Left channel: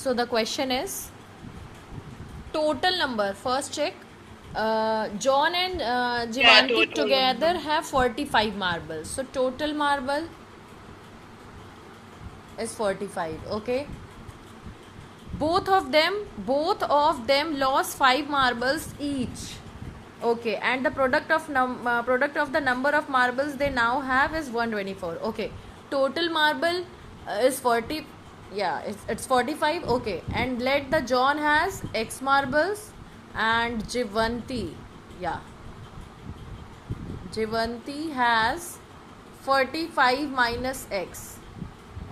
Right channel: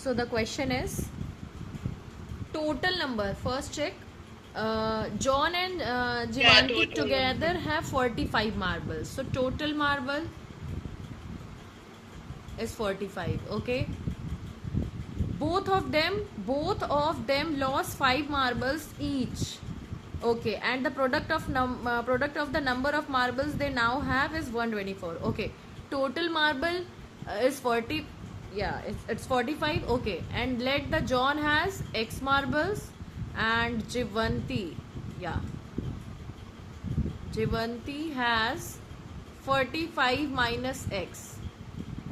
So the question is total number. First check. John and Yeah, Jivanti total together number. have 45 marbles. So total marble is 45. Okay. Both of them lost 5 marbles each. Okay, and the product of the number of marbles they now have is 124. Okay, total marble is 40. Yeah, it's 45. Okay, and let the John has X marbles and Jivanti. Yeah, Jivanti has 45 minus X.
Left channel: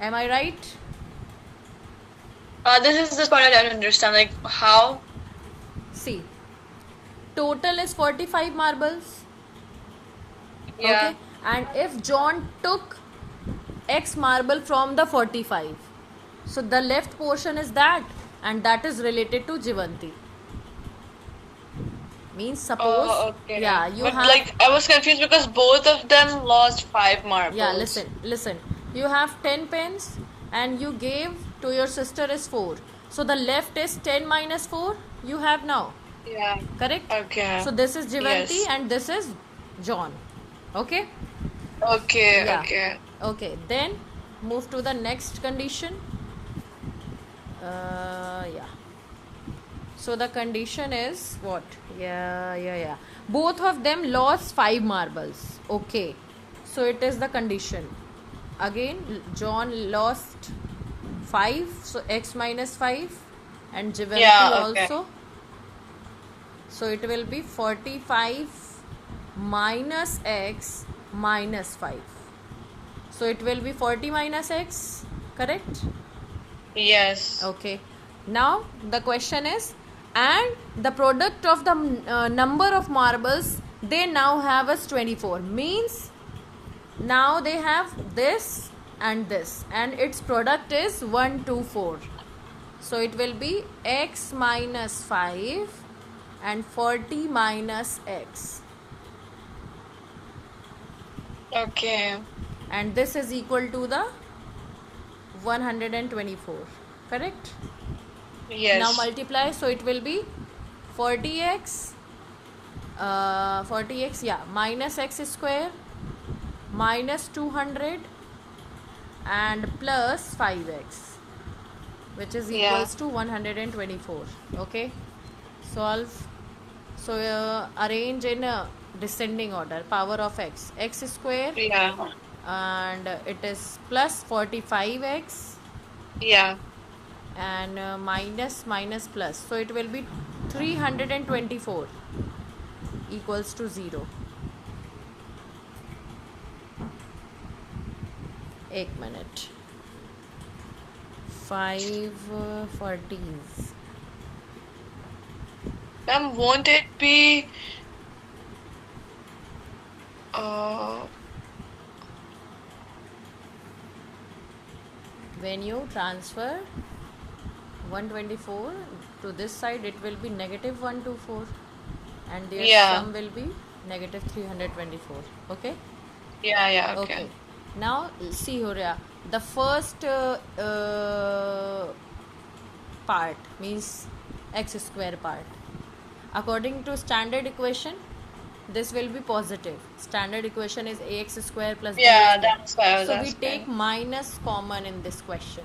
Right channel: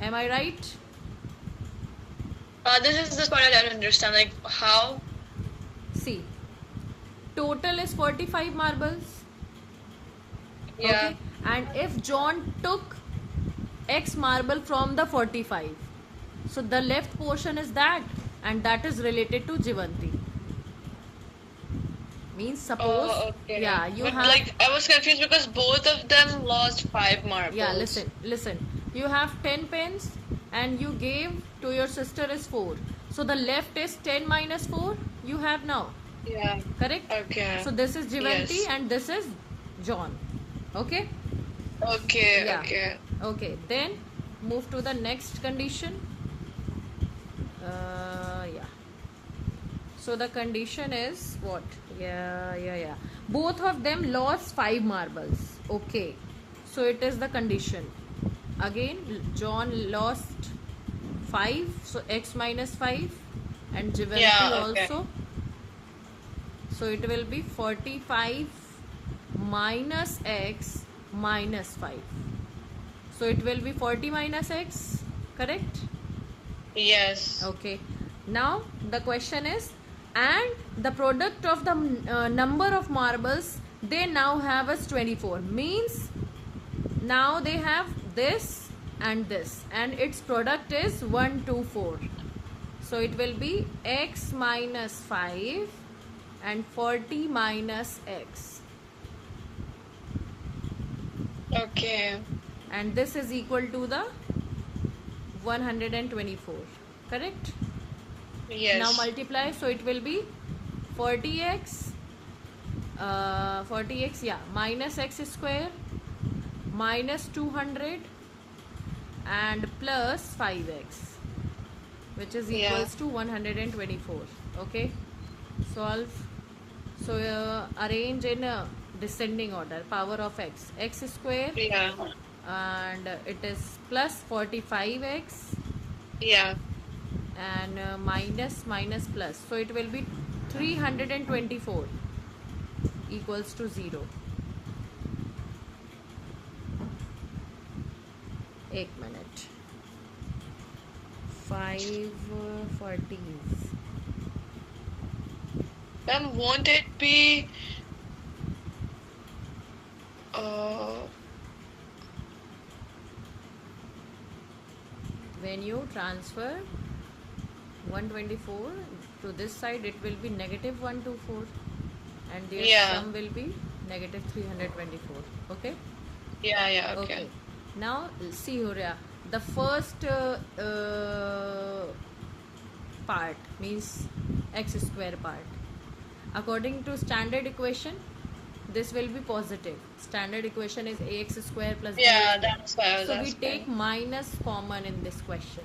Am I right? This is this part I don't understand. Like how? See, total is 45 marbles. Yeah. Okay, and if John took X marble from the 45, so the left portion is that, and that is related to Jivanti. Means suppose, Oh, okay. yeah, you But have, like I was confused because both of them lost 5 yeah, marbles. listen, you have 10 pens and you gave to your sister is 4, so the left is 10 minus 4 you have now, Yeah. correct? Okay. So this is Jivanti Yes. and this is John. Okay. Okay. Yeah. Okay. Okay, then move to the next condition. Yeah. So the condition is what? Yeah. Both of them lost 5 marbles. Okay. So it is the condition. Again, John lost 5. So x minus 5. And Jivanti Yeah. Okay. also. So it will be 45 minus x minus 5. So it will be 40 minus x. Correct? Yes. Okay. Now the question is, and the product of the number of marbles they now have is 24. Means now they have this and this, and its product is 124. So it will be x minus 5 and 40 minus x, Okay. and this is equal to the 124. Correct? Now Yes. multiply, so it will be 40x, 40x, yeah, minus x square minus 200 and plus 5x, which is Yeah. equals to 124. Okay, solve. So arrange in a descending order. Power of x square, Yeah. and it is plus 45x Yeah. and minus plus, so it will be 324 equals to 0. एक minute. 540s. Won't it be uh When you transfer 124 to this side, it will be negative 124, and their yeah. sum will be negative 324. Okay. Yeah, okay. Okay. Now see, Horia, the first part means x square part. According to standard equation, this will be positive. Standard equation is ax square plus Yeah, bx. that's why I was So we take asking. minus common in this question,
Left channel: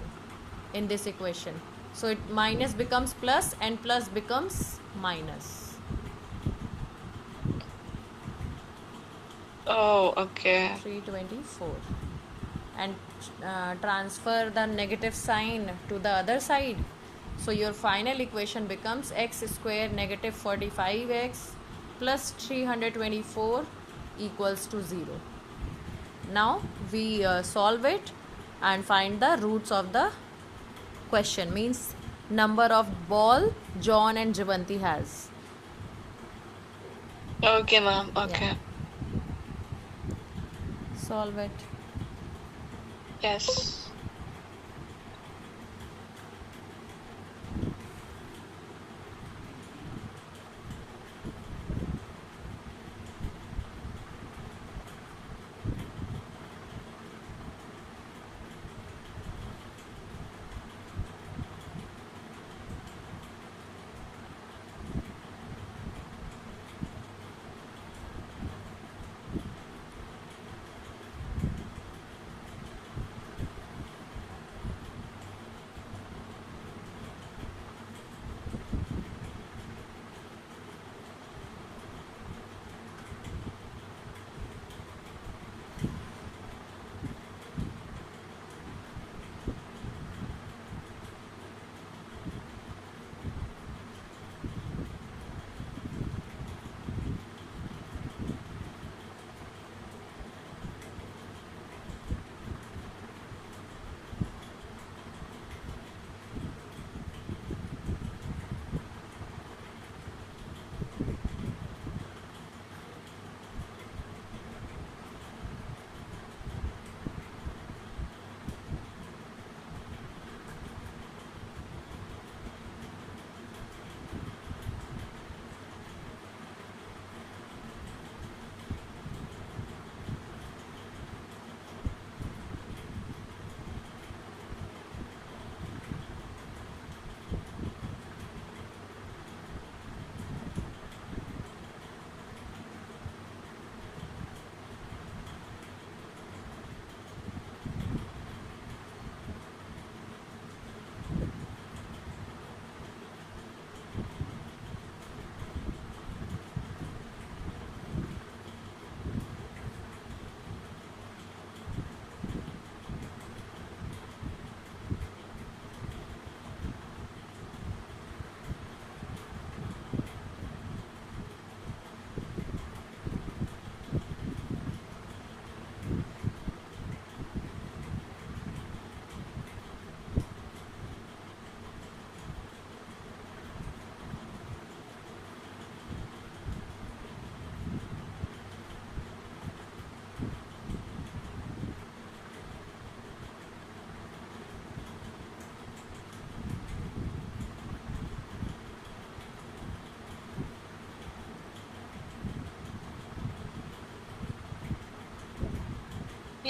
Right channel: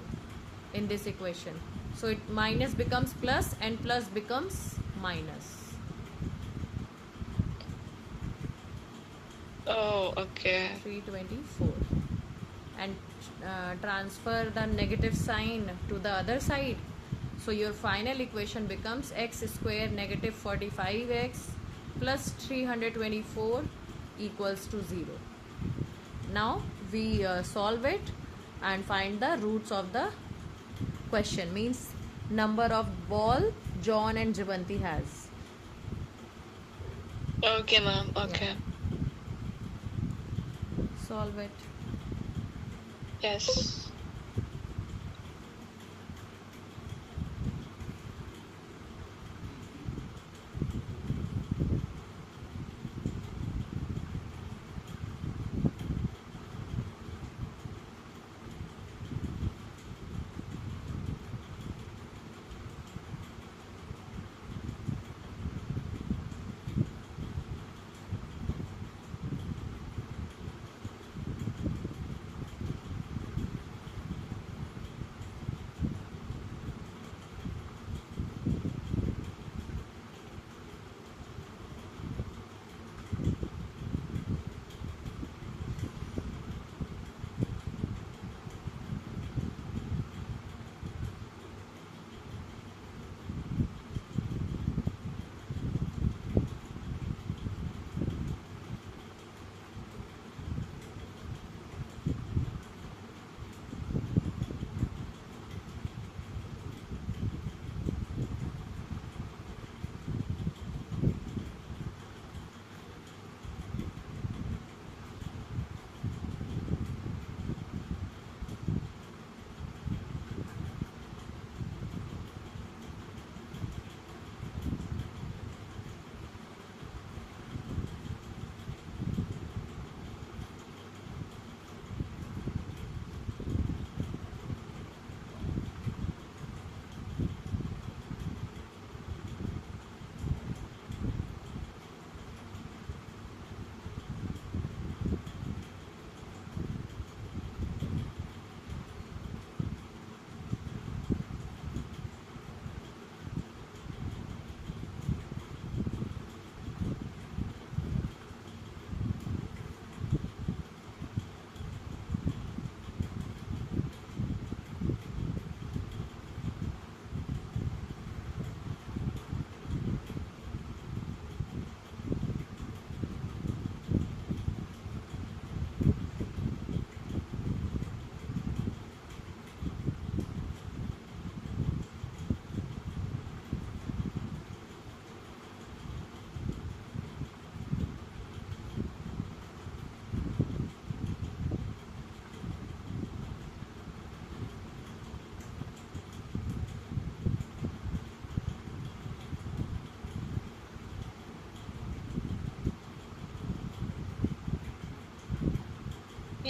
in this equation. So it minus becomes plus and plus becomes minus. Oh, okay. 324, and transfer the negative sign to the other side, so your final equation becomes x square negative 45x plus 324 equals to 0. Now we solve it and find the roots of the question, means number of ball John and Jivanti has. Okay, ma'am. Okay. Yeah. Solve it. Yes.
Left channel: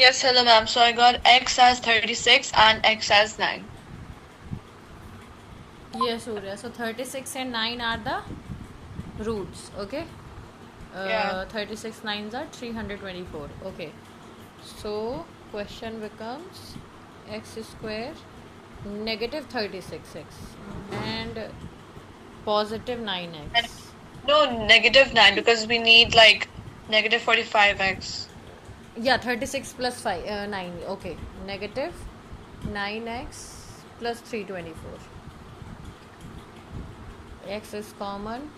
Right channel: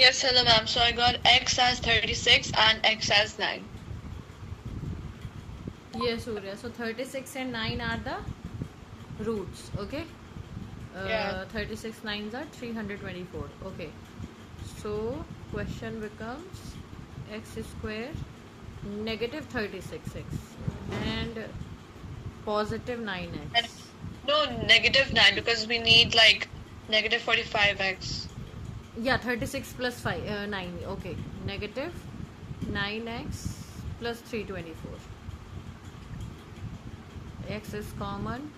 Yes, hello, ma'am. So I got x as 36 and x as 9. Yes, Surya. So 36 and 9 are the roots. Okay. Yeah. 36 nines are 324. Okay. So question becomes x square negative 36x and positive And 9x. no, negative 9 because we need like negative 45x. Yeah, 36 plus 5, 9. Okay. Negative 9x plus 324. X is common.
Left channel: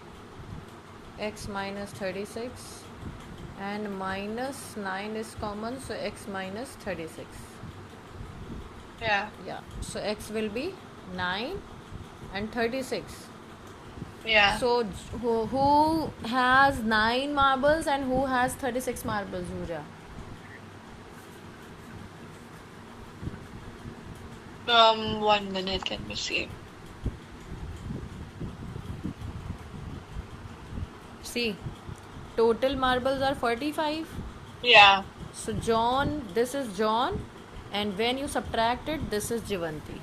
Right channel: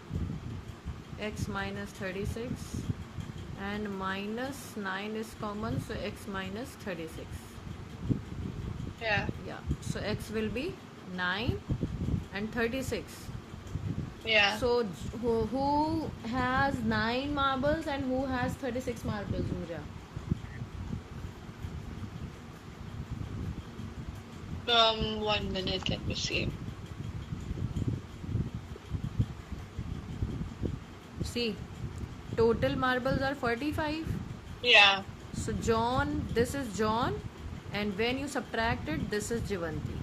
X minus 36 and minus 9 is common, so x minus 36. Yeah. Yeah, so x will be 9 and 36. Yeah. So who has 9 marbles and who has 36 marbles, Julia? One minute, let me see. See, total marbles are 45. Yeah. So John, this is John, and when you subtract it, this is Jivanti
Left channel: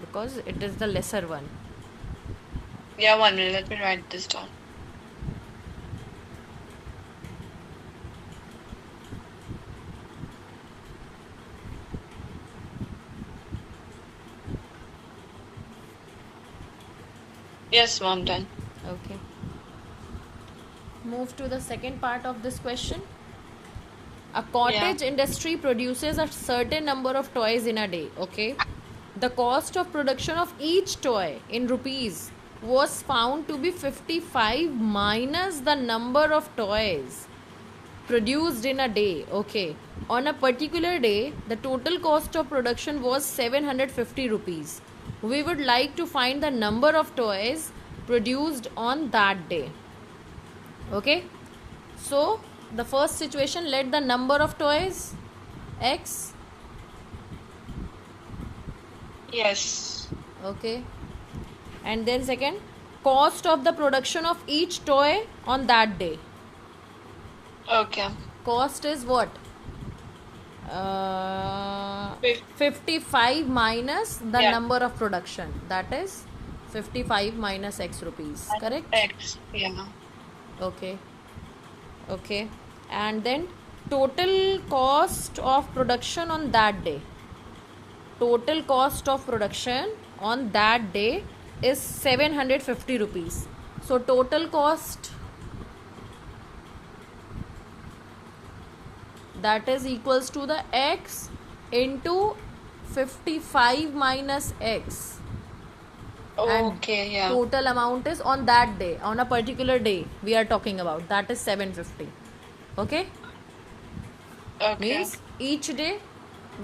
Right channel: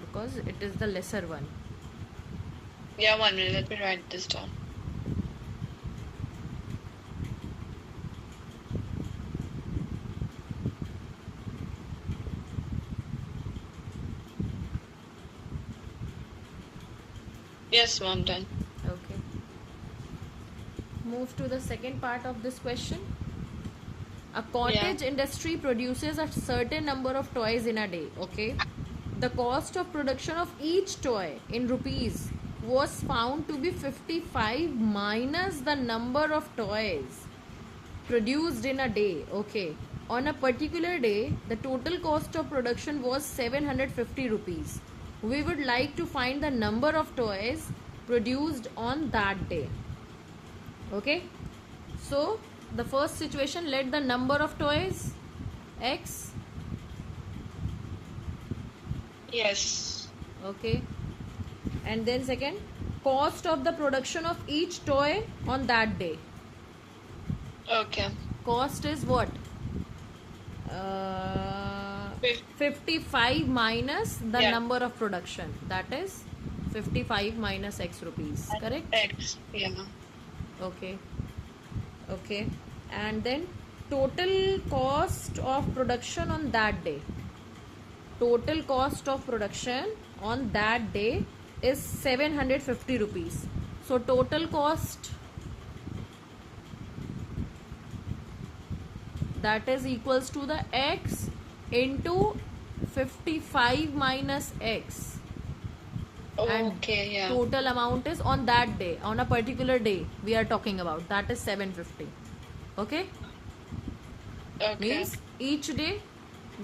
because it is the lesser one. Yeah, 1 minute. Let me write this down. Yes, mom, done. Okay. Move to the second part of this question. A Yeah. cottage industry produces a certain number of toys in a day. Okay. The cost of production of each toy in rupees was found to be 55 minus the number of toys produced in a day. Okay. On a particular day, the total cost of production was 750 rupees. We would like to find the number of toys produced on that day. Okay. So the first situation, let the number of toys x. Yes. Okay. And then second, cost of the production of each toy on that day. Okay. Cost is what? Fif- 55 minus the Yeah. number of production, that is 55 minus x rupees, correct? X. Yeah. Okay. Okay. And then total cost of production on that day. Total cost of production on that day is 750 rupees. So total cost, that is equals to the x into 55 minus x, and Okay, yeah. total amount is on that day, on a particular day we are talking about, that is 750. Okay. Okay. Means each day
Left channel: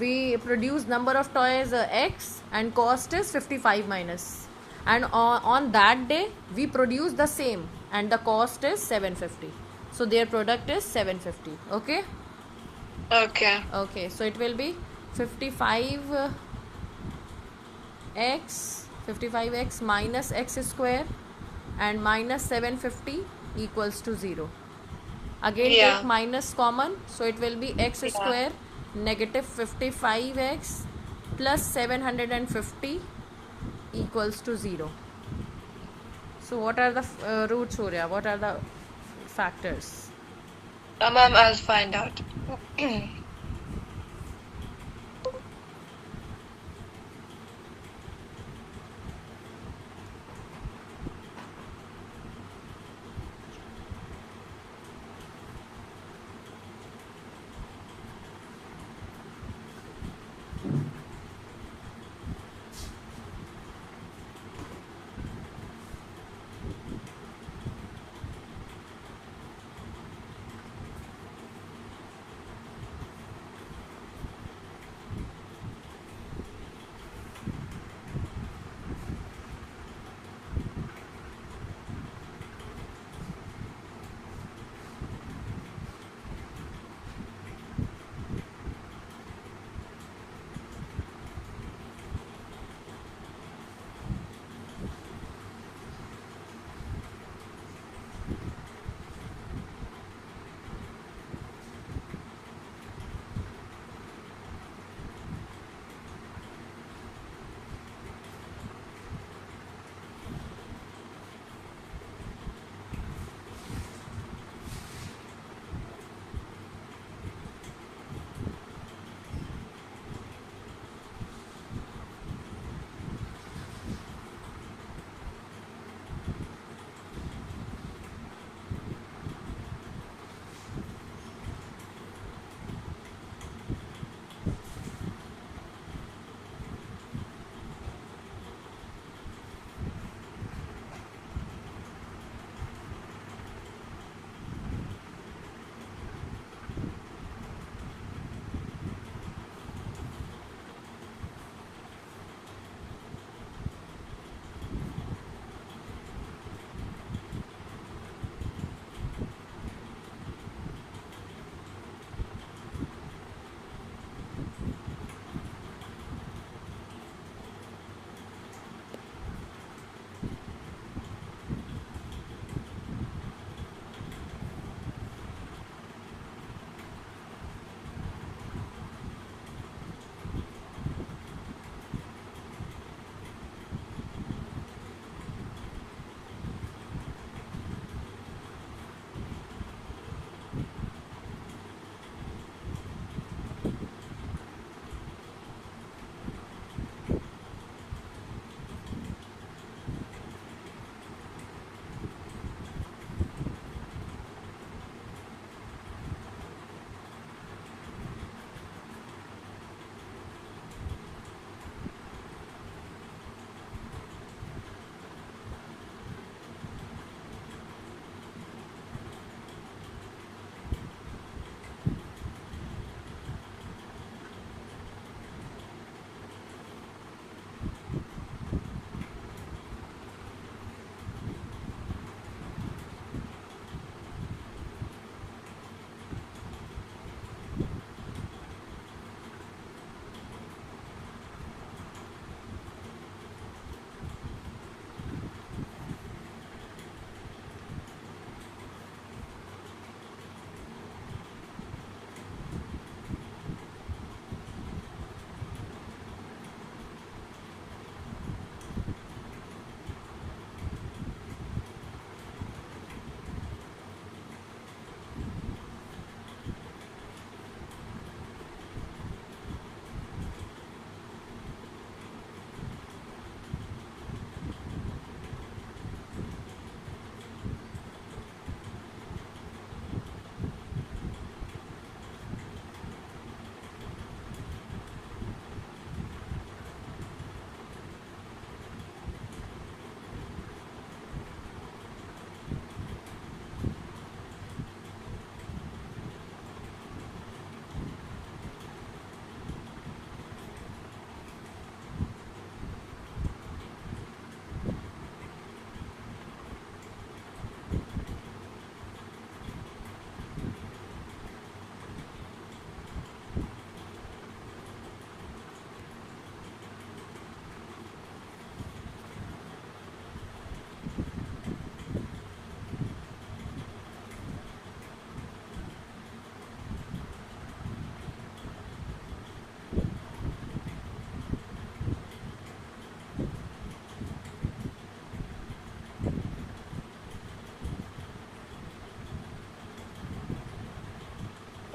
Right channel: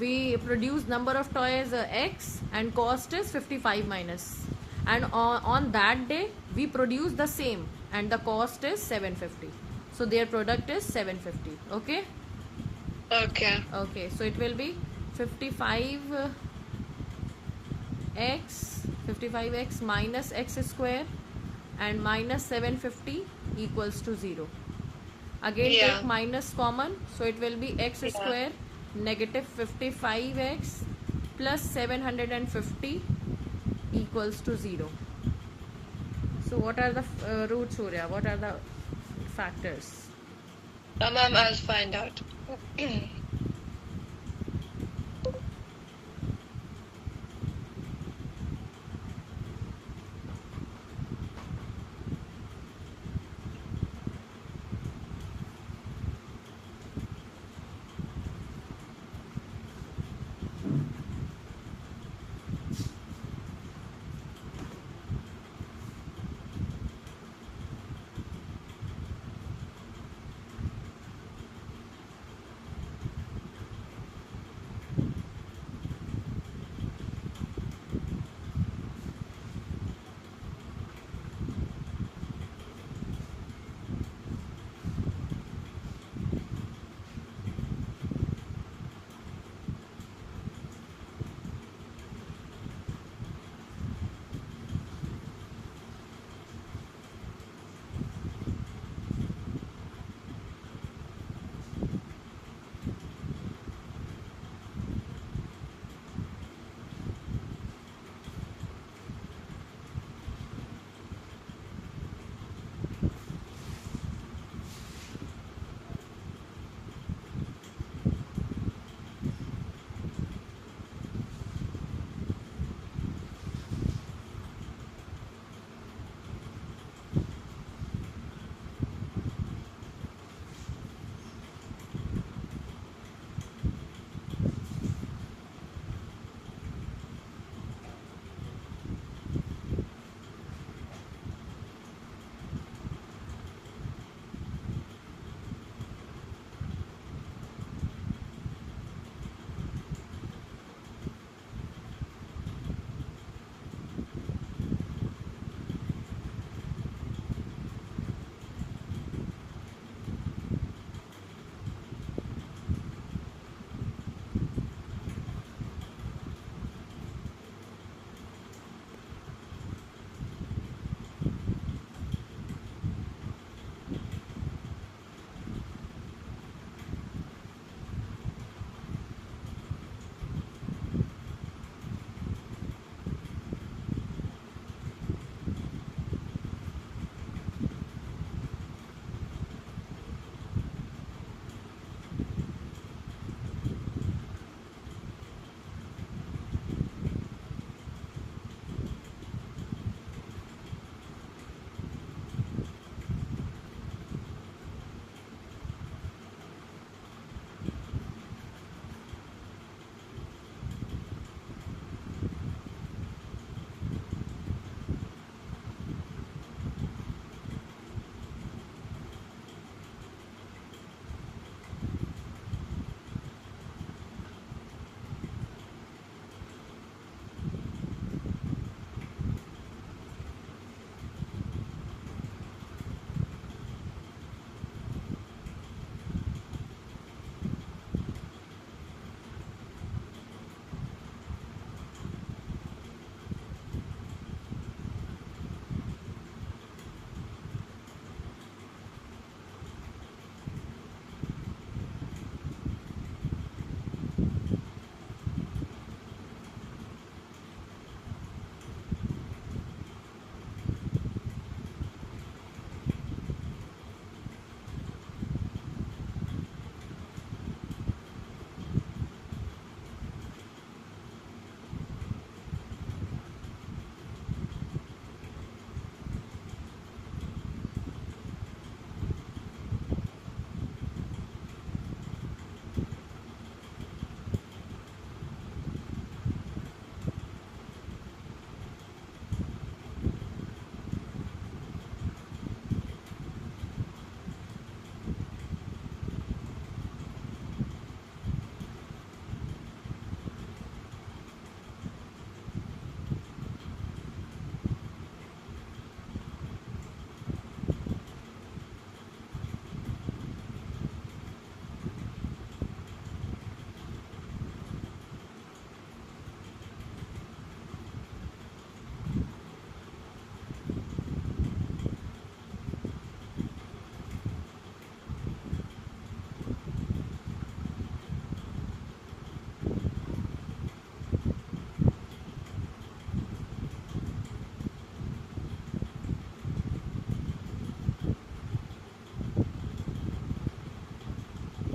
we produce number of toys x and cost is 55 minus, and on that day we produce the same and the cost is 750, so their product is 750. Okay. Okay. Okay, so it will be 55 x 55x minus x square and minus 750 equals to 0. Again Yeah. take minus common, so it will be x Yeah. square negative 55x plus 750 equals to 0. So what are the roots, Surya? What are the factors? Ma'am, I'll find out.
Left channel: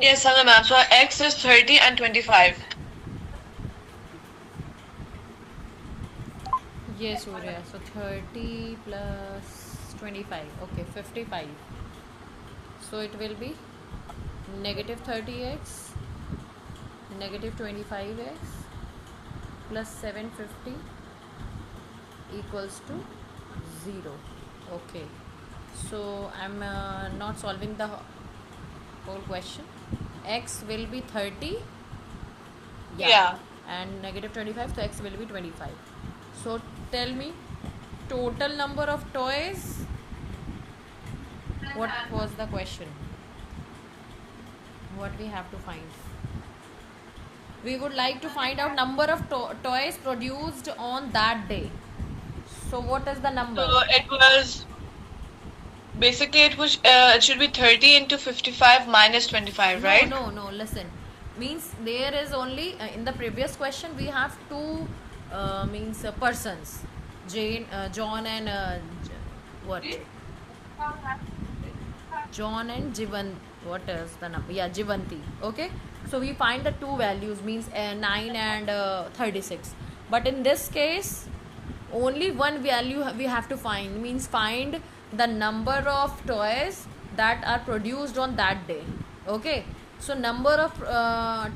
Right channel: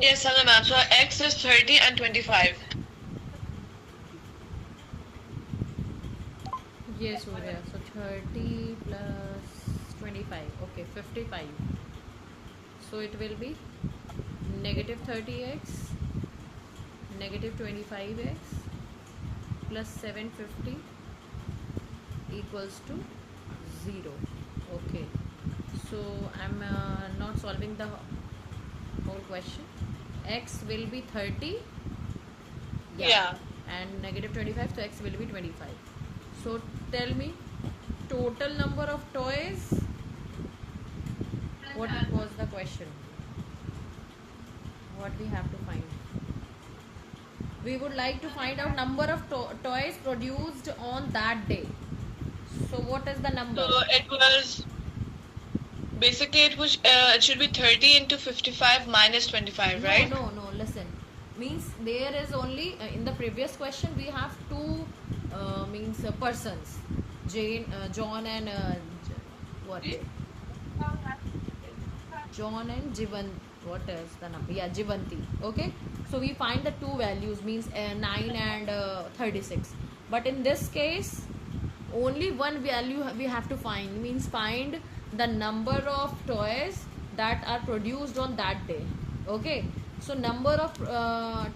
Yes, hello ma'am. So X is 30 and 25. Yes, Surya. So 30 plus 25. Okay, 55. So it will be negative 30x, negative 25x plus 750 equals to 0. Okay. So I'm not solving the whole question. X will be 30. Yeah. And negative 25, so X will be 25. So tell me, total number of toys. What was the question? What we have to find? We would like to find out number of toys produced on that day. So what is the number? So it was basically it should be 30 into 55 minus 25, right? No. Listen, means there is only in the previous question we have two means persons, John and what? John and Jivan. What is the number? Yeah, Jivanti. Okay. So we find the two values means 9 and 36. But in this case, only one value we have to find, means find the number of toys that are produced on that day. Okay. So number of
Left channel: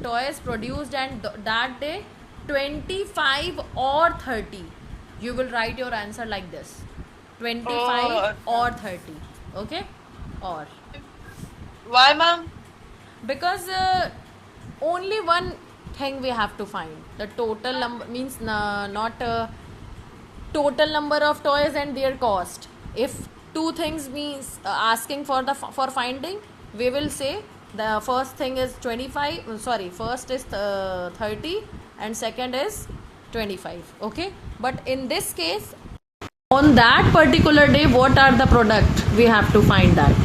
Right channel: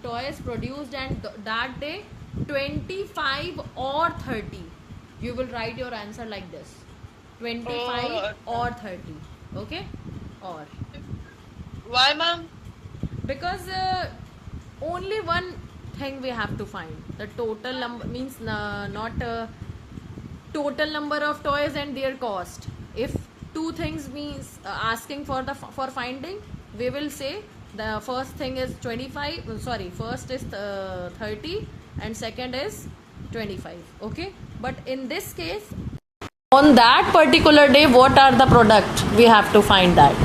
toys produced and that day, 25 or 30. You will write your answer like this: 25 or 30. Okay. Or Why, ma'am? because only one thing we have to find, the total number, means not total number of toys and their cost. If two things means asking for the for finding, we will say the first thing is 25, sorry, first is 30 and second is 25. Okay, but in this case, on that particular day, what are the product, we have to find that.